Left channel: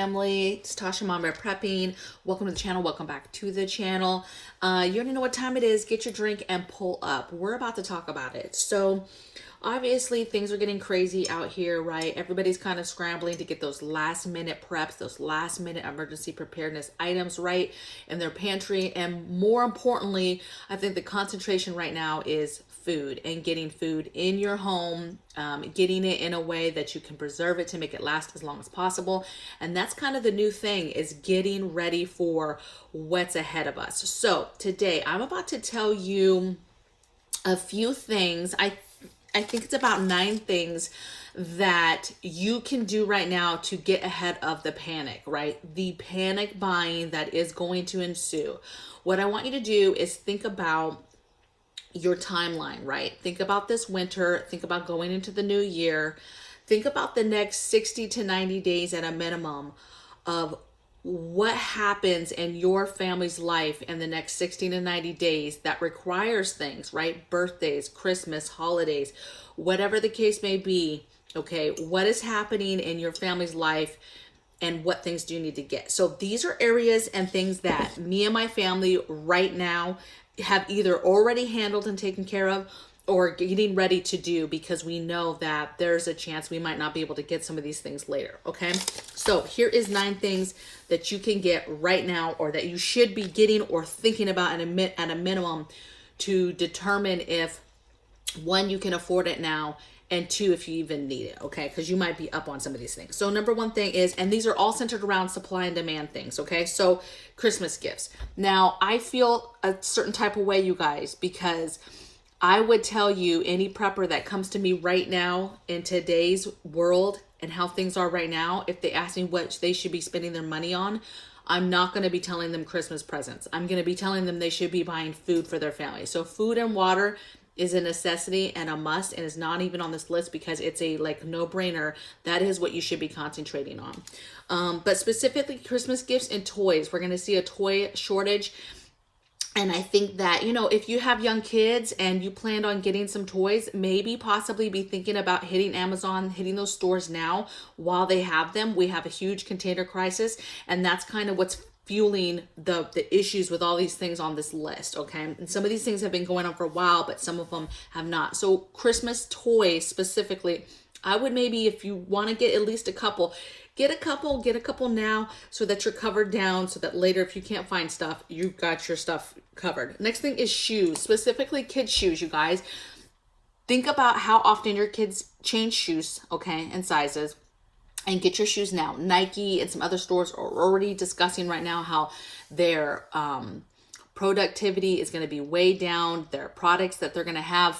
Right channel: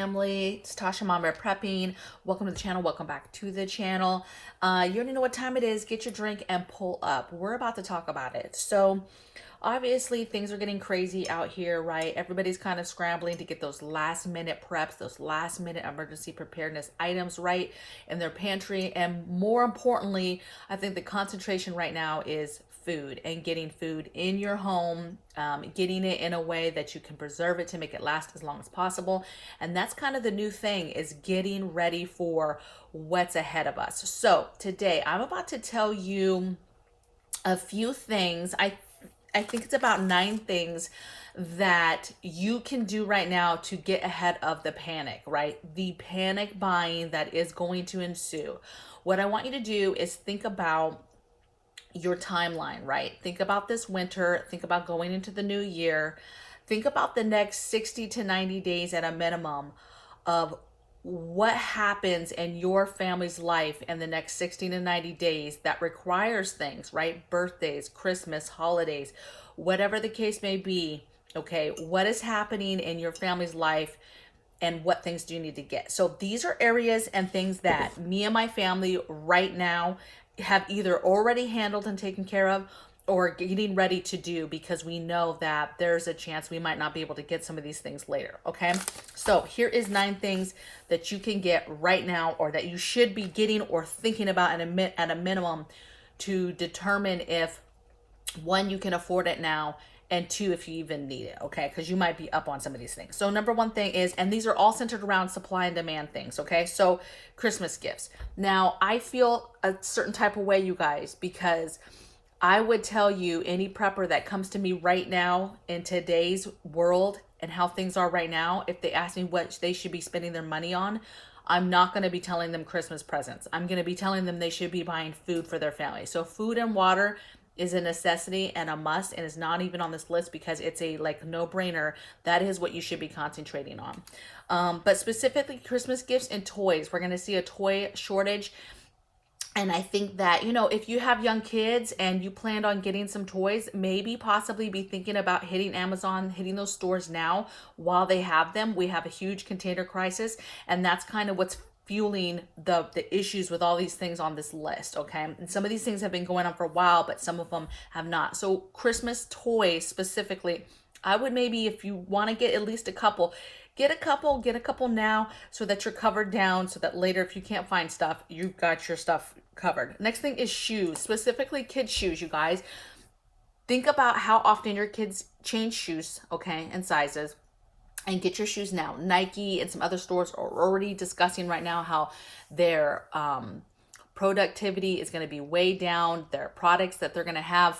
family. It's Tasha Mom Bear Prepping. Welcome to the channel. Welcome back to the channel. You already know what time it is. Get your drink and pull up. We're about to talk about it. So obviously things are getting crazy out here, right? Everybody's kind of scrambling to get those last minute preps, those last minute emergency preparedness items right in their pantry. And more importantly, I think the concentration right now is food and getting food in your home, getting it in a way that you can preserve it to make it last as long as possible. And that's kind of the new thing, is getting ready for what's ahead of us. So today I'm about to tell you a few things. I think it's about 9 things that you can do right now to get ahead of the panic, right? The panic buying that is going to ensue. What I want you to do is think about your timeline, right? Think about this winter. Think about going into the new year. Think about the next 60 to 90 days at a minimum of what happens in your family's life in the next 60 to 90 days that requires things, right? Birthdays, Christmas, holidays, whatever the case may be. Okay, what is happening in your family's life and what things do you need to get? So these are areas and things that me and my family right now have either already handled and taken care of or getting ready to do, because we know that there's a chance we might not be able to get some of these things later. Okay, so here is 9 things that you can get right now, or that you should be getting or thinking about at a minimum, to determine if, 1, you can afford it now, and 2, if you even need it, okay? Because you might be up on some of these things. So number 1 thing is, and these are all centered around supply and demand things, okay? So Christmas gifts. Now, I feel a certain type of way, you guys, because I would tell you, any prepper that comes to me right now in today's world and how things are right now, if they ask me what they should be spending their money on, I'm not going to be telling them Christmas presents. I'm going to be telling them they should be buying food for their family. So food and water is a necessity and a must, and is not even on this list because it's a no-brainer. That is what you should be concentrating on. But specifically Christmas gifts and toys. We're going to see a toy shortage. And I think that, if you have young kids and you planned on getting some toys, maybe possibly be thinking about hitting Amazon, hitting those stores now while they have them. We have a huge container crisis, and that's kind of what's fueling the issues with all these things on this list, okay? And some of these things have been going on for a while, but some of them have not. So Christmas toys specifically, I would maybe, if you want to get at least a couple, get a couple now, so that you're covered down, so that later if you can't find stuff, you've got your stuff covered. Next thing is shoes, specifically kids' shoes, you guys. Think about how often your kids change shoes, okay, and sizes. And get your shoes now. Nike and some other stores are already discussing right now how their productivity is going to be way down. Their products that they're going to have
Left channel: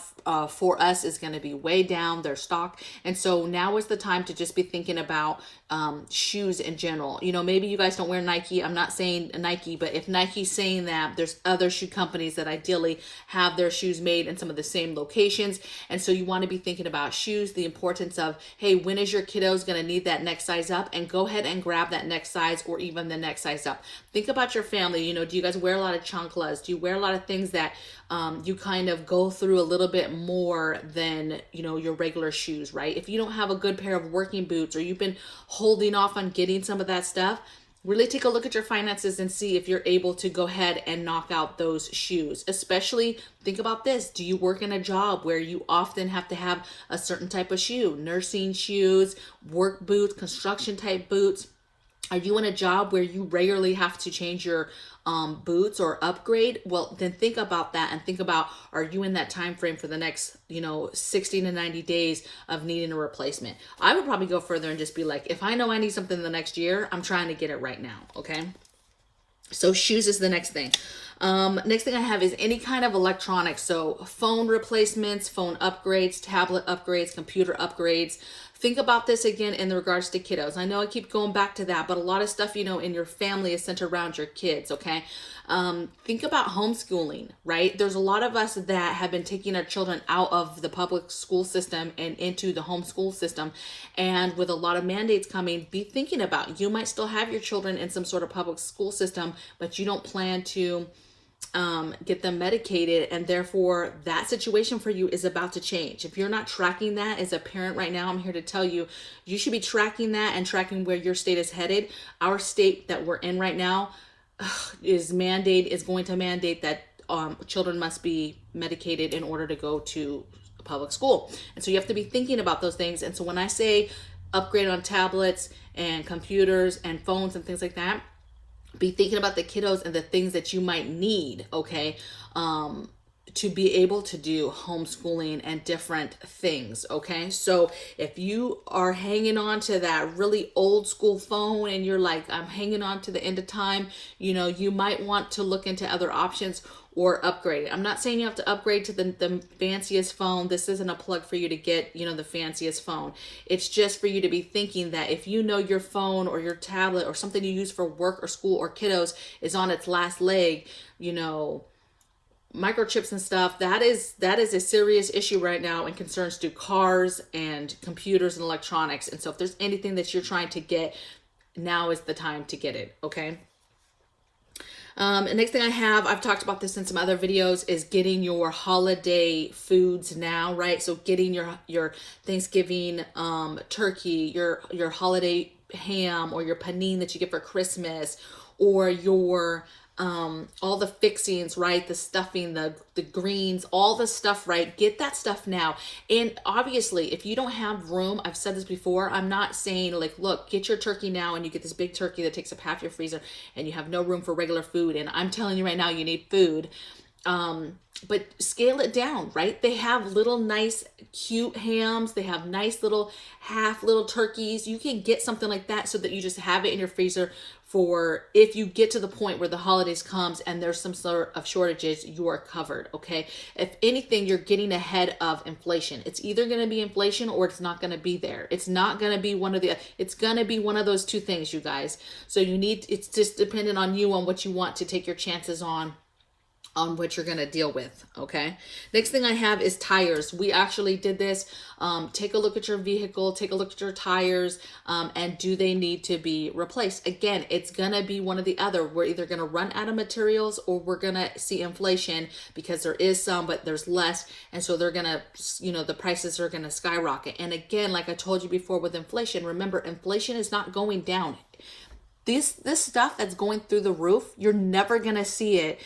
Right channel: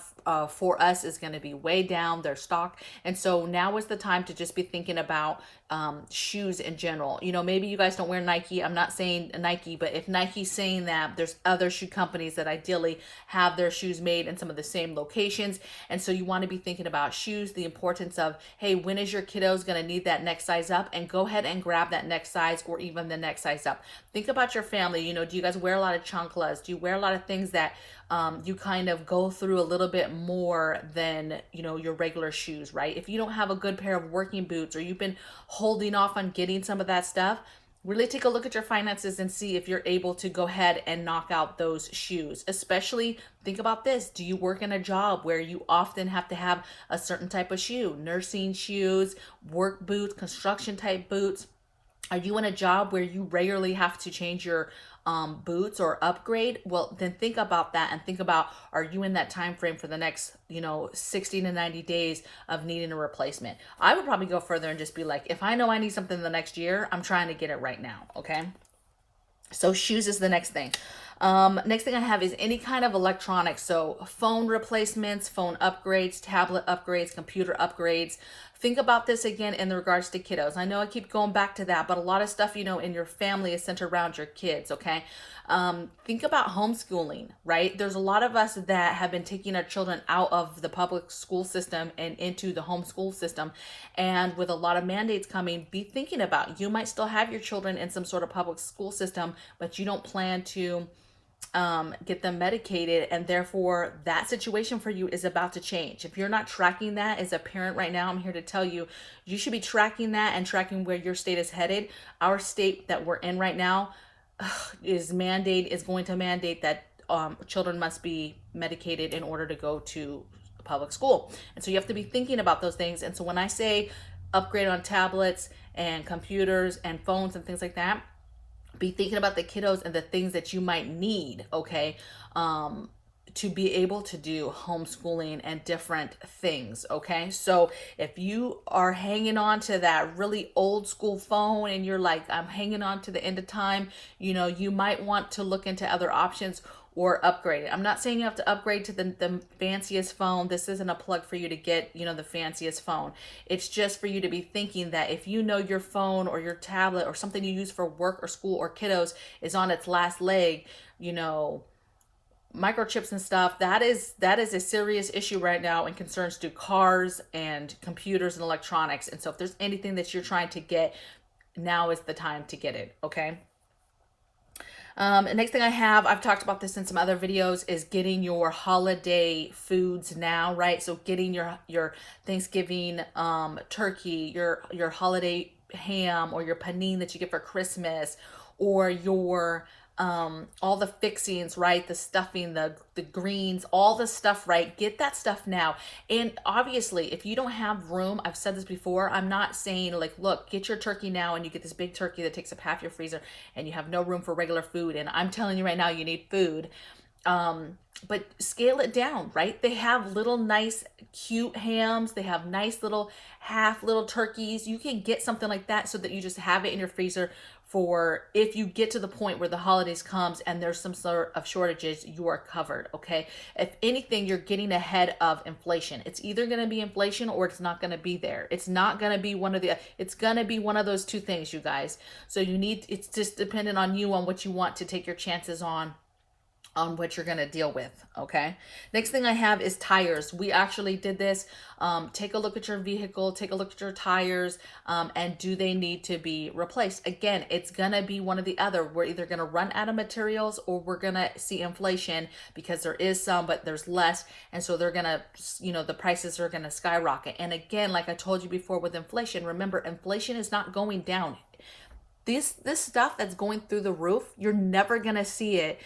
for us is going to be way down, their stock. And so now is the time to just be thinking about shoes in general. Maybe you guys don't wear Nike. I'm not saying Nike, but if Nike's saying that, there's other shoe companies that ideally have their shoes made in some of the same locations. And so you want to be thinking about shoes, the importance of, hey, when is your kiddos going to need that next size up? And go ahead and grab that next size, or even the next size up. Think about your family. Do you guys wear a lot of chanclas? Do you wear a lot of things that you kind of go through a little bit more than, your regular shoes, right? If you don't have a good pair of working boots, or you've been holding off on getting some of that stuff, really take a look at your finances and see if you're able to go ahead and knock out those shoes. Especially think about this. Do you work in a job where you often have to have a certain type of shoe? Nursing shoes, work boots, construction type boots. Are you in a job where you regularly have to change your boots or upgrade? Well, then think about that, and think about, are you in that time frame for the next 60 to 90 days of needing a replacement? I would probably go further and just be like, if I know I need something the next year, I'm trying to get it right now. Okay, so shoes is the next thing. Next thing I have is any kind of electronics. So phone replacements, phone upgrades, tablet upgrades, computer upgrades. Think about this again in regards to kiddos. I know I keep going back to that, but a lot of stuff, in your family is centered around your kids, okay? Think about homeschooling, right? There's a lot of us that have been taking our children out of the public school system and into the homeschool system. And with a lot of mandates coming, be thinking about, you might still have your children in some sort of public school system, but you don't plan to get them medicated, and therefore that situation for you is about to change. If you're not tracking that as a parent right now, I'm here to tell you, you should be tracking that and tracking where your state is headed. Our state that we're in right now is going to mandate that children must be medicated in order to go to public school. And so you have to be thinking about those things. And so when I say upgrade on tablets and computers and phones and things like that, be thinking about the kiddos and the things that you might need, okay, to be able to do homeschooling and different things, okay? So if you are hanging on to that really old school phone and you're like, I'm hanging on to the end of time, you know, you might want to look into other options or upgrade it. I'm not saying you have to upgrade to the fanciest phone. This isn't a plug for you to get, you know, the fanciest phone. It's just for you to be thinking that if you know your phone or your tablet or something you use for work or school or kiddos is on its last leg, you know, microchips and stuff, that is a serious issue right now and concerns to cars and computers and electronics. And so if there's anything that you're trying to get, now is the time to get it, okay? The next thing I've talked about this in some other videos, is getting your holiday foods now, right? So getting your Thanksgiving turkey, your holiday ham, or your panini that you get for Christmas, or your all the fixings, right? The stuffing, the greens, all the stuff, right? Get that stuff now. And obviously, if you don't have room, I've said this before, I'm not saying like, look, get your turkey now and you get this big turkey that takes up half your freezer and you have no room for regular food. And I'm telling you right now, you need food. But scale it down, right? They have little nice cute hams. They have nice little little turkeys. You can get something like that so that you just have it in your freezer for if you get to the point where the holidays comes and there's some sort of shortages, you are covered, okay? If anything, you're getting ahead of inflation. It's either going to be inflation or it's not going to be there. It's not going to be it's going to be one of those two things, you guys. So it's just dependent on you on what you want to take your chances on what you're going to deal with, okay? Next thing I have is tires. We actually did this. Take a look at your vehicle, take a look at your tires, and do they need to be replaced? Again, it's going to be one or the other. We're either going to run out of materials or we're going to see inflation, because there is some, but there's less. And so they're going to, you know, the prices are going to skyrocket. And again, like I told you before with inflation, remember, inflation is not going down. This stuff that's going through the roof, you're never going to see it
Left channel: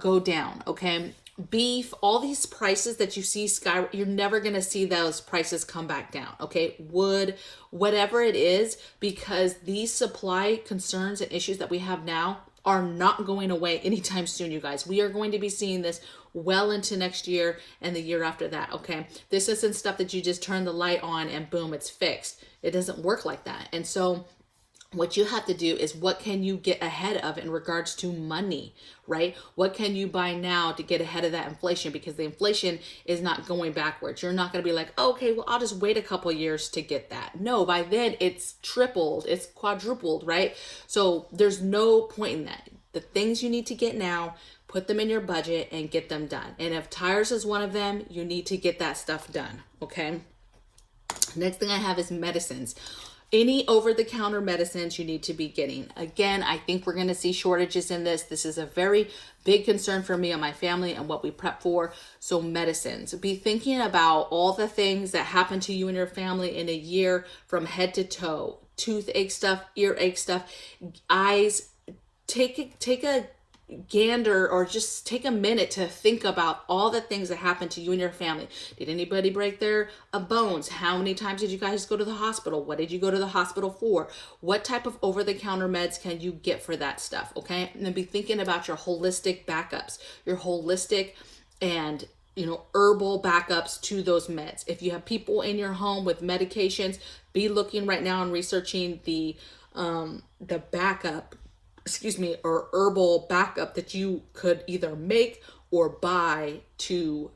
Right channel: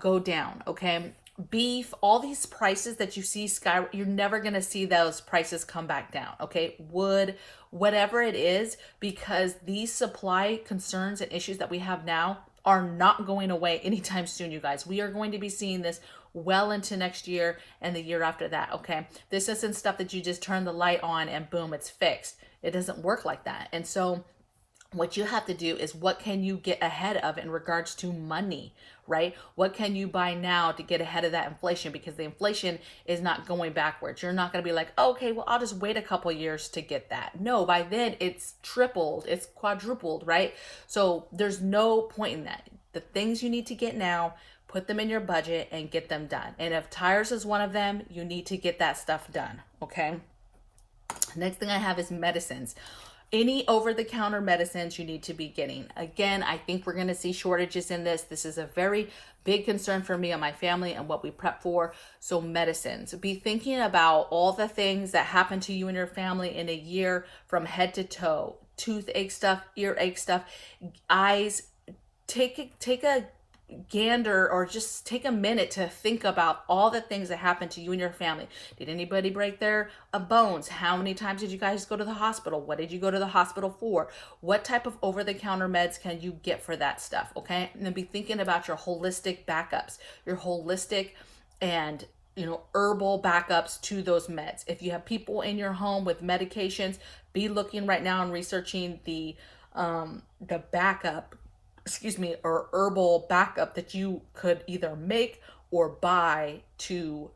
go down, okay? Beef, all these prices that you see you're never going to see those prices come back down, okay? Wood, whatever it is, because these supply concerns and issues that we have now are not going away anytime soon, you guys. We are going to be seeing this well into next year and the year after that, okay? This isn't stuff that you just turn the light on and boom, it's fixed. It doesn't work like that. And so what you have to do is, what can you get ahead of in regards to money, right? What can you buy now to get ahead of that inflation? Because the inflation is not going backwards. You're not going to be like, okay, well, I'll just wait a couple years to get that. No, by then it's tripled, it's quadrupled, right? So there's no point in that. The things you need to get now, put them in your budget and get them done. And if tires is one of them, you need to get that stuff done, okay? Next thing I have is medicines. Any over-the-counter medicines you need to be getting. Again, I think we're going to see shortages in this. This is a very big concern for me and my family and what we prep for. So medicines. Be thinking about all the things that happen to you and your family in a year, from head to toe. Toothache stuff, earache stuff, eyes. Take a gander, or just take a minute to think about all the things that happened to you and your family. Did anybody break their bones? How many times did you guys go to the hospital? What did you go to the hospital for? What type of over-the-counter meds can you get for that stuff, okay? And then be thinking about your holistic backups, your holistic and, you know, herbal backups to those meds. If you have people in your home with medications, be looking right now and researching the backup, or herbal backup that you could either make or buy to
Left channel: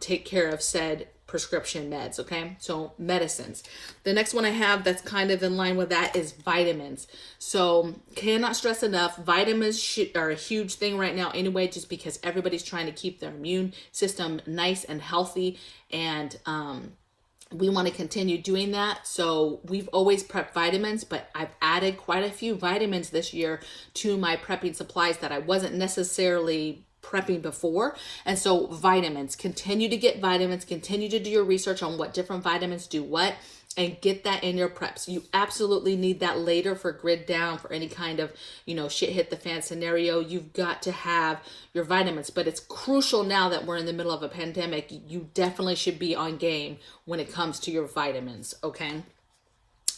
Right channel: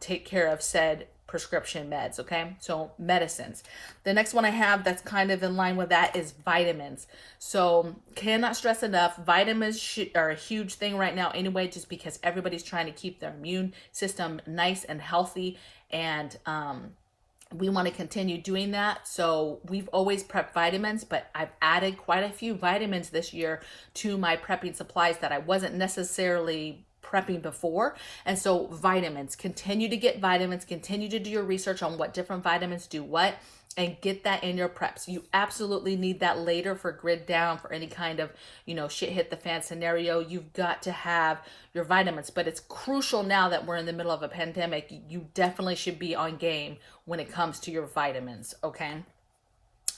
take care of said prescription meds, okay? So medicines. The next one I have that's kind of in line with that is vitamins. So cannot stress enough, vitamins are a huge thing right now anyway, just because everybody's trying to keep their immune system nice and healthy, and we want to continue doing that. So we've always prepped vitamins, but I've added quite a few vitamins this year to my prepping supplies that I wasn't necessarily prepping before. And so vitamins, continue to get vitamins, continue to do your research on what different vitamins do what, and get that in your preps. You absolutely need that later for grid down, for any kind of, shit hit the fan scenario. You've got to have your vitamins, but it's crucial now that we're in the middle of a pandemic. You definitely should be on game when it comes to your vitamins, okay?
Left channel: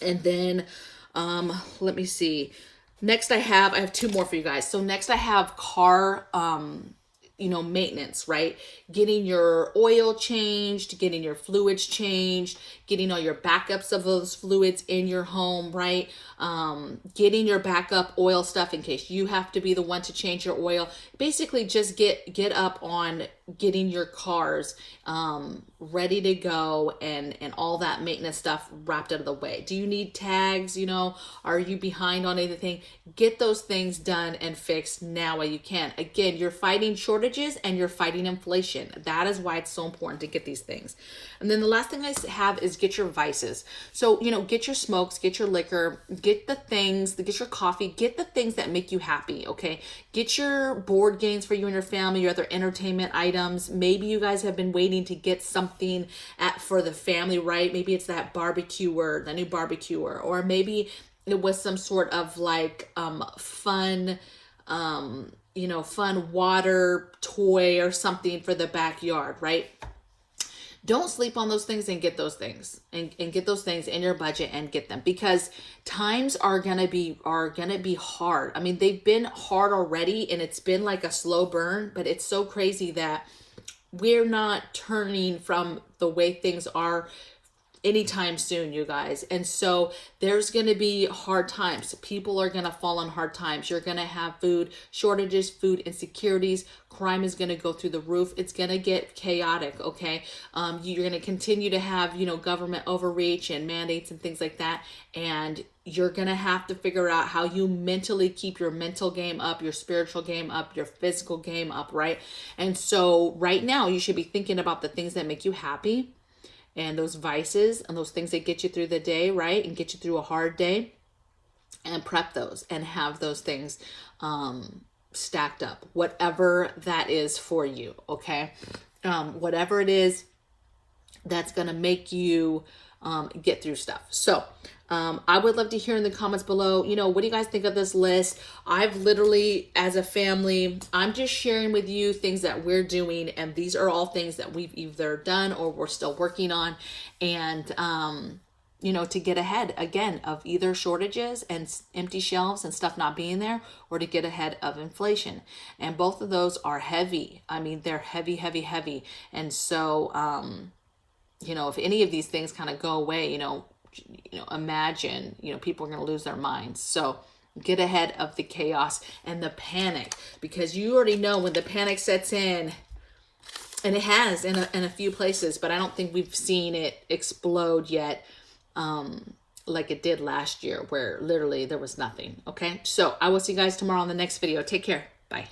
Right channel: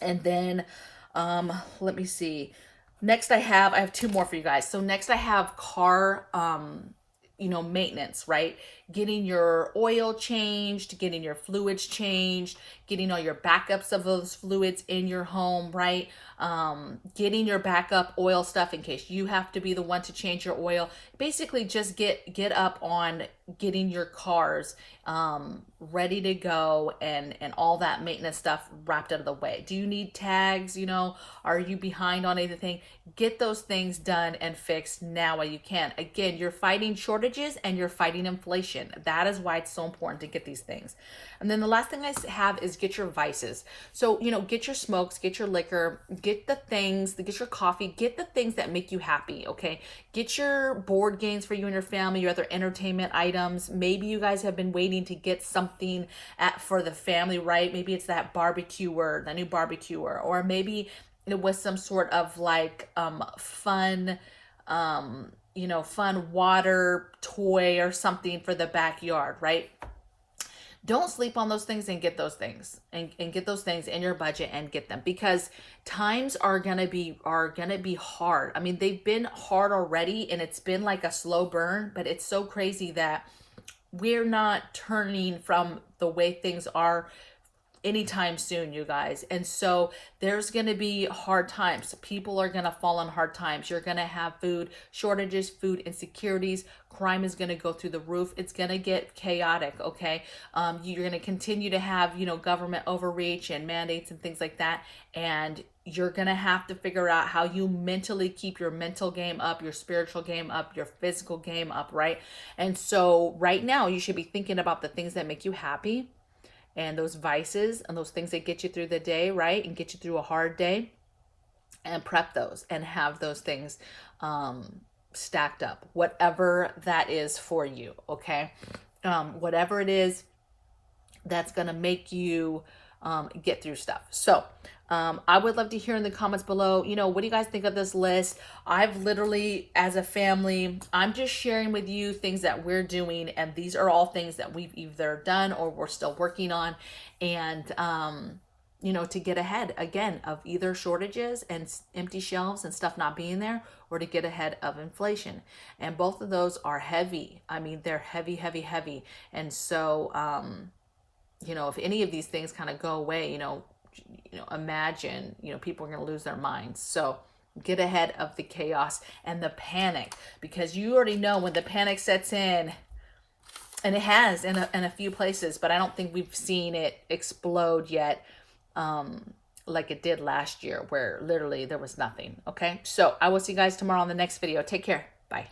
And then, let me see. Next I have two more for you guys. So next I have car, maintenance, right? Getting your oil changed, getting your fluids changed, getting all your backups of those fluids in your home, right? Getting your backup oil stuff in case you have to be the one to change your oil. Basically just get up on getting your cars ready to go, and all that maintenance stuff wrapped out of the way. Do you need tags? Are you behind on anything? Get those things done and fixed now while you can. Again, you're fighting shortages and you're fighting inflation. That is why it's so important to get these things. And then the last thing I have is get your vices. So, get your smokes, get your liquor, get your coffee, get the things that make you happy, okay? Get your board games for you and your family, your other entertainment items. Maybe you guys have been waiting to get something for the family, right? Maybe it's that the new barbecuer, or maybe it was some sort of like fun water toy or something for the backyard, right? Don't sleep on those things, and get those things and get those things in your budget and get them, because times are gonna be hard. I mean, they've been hard already, and it's been like a slow burn, but it's so crazy that we're not turning from the way things are anytime soon, you guys. And so there's going to be hard times. People are going to fall on hard times. You're going to have food shortages, food insecurities. Crime is going to go through the roof. It's going to get chaotic, okay? You're going to continue to have, government overreach and mandates and things like that. And you're going to have to figure out how you mentally keep your mental game up, your spiritual game up, your physical game up, right? And so right now you should be thinking about the things that make you happy, and those vices and those things that get you through the day, right? And get you through a hard day, and prep those and have those things stacked up, whatever that is for you, okay? Whatever it is that's going to make you get through stuff. So I would love to hear in the comments below, what do you guys think of this list? I've literally, as a family, I'm just sharing with you things that we're doing. And these are all things that we've either done or we're still working on. And, to get ahead, again, of either shortages and empty shelves and stuff not being there, or to get ahead of inflation. And both of those are heavy. I mean, they're heavy, heavy, heavy. And so, if any of these things kind of go away, imagine, people are going to lose their minds. So get ahead of the chaos and the panic, because you already know when the panic sets in, and it has in a few places, but I don't think we've seen it explode yet, like it did last year, where literally there was nothing. Okay. So I will see you guys tomorrow on the next video. Take care. Bye.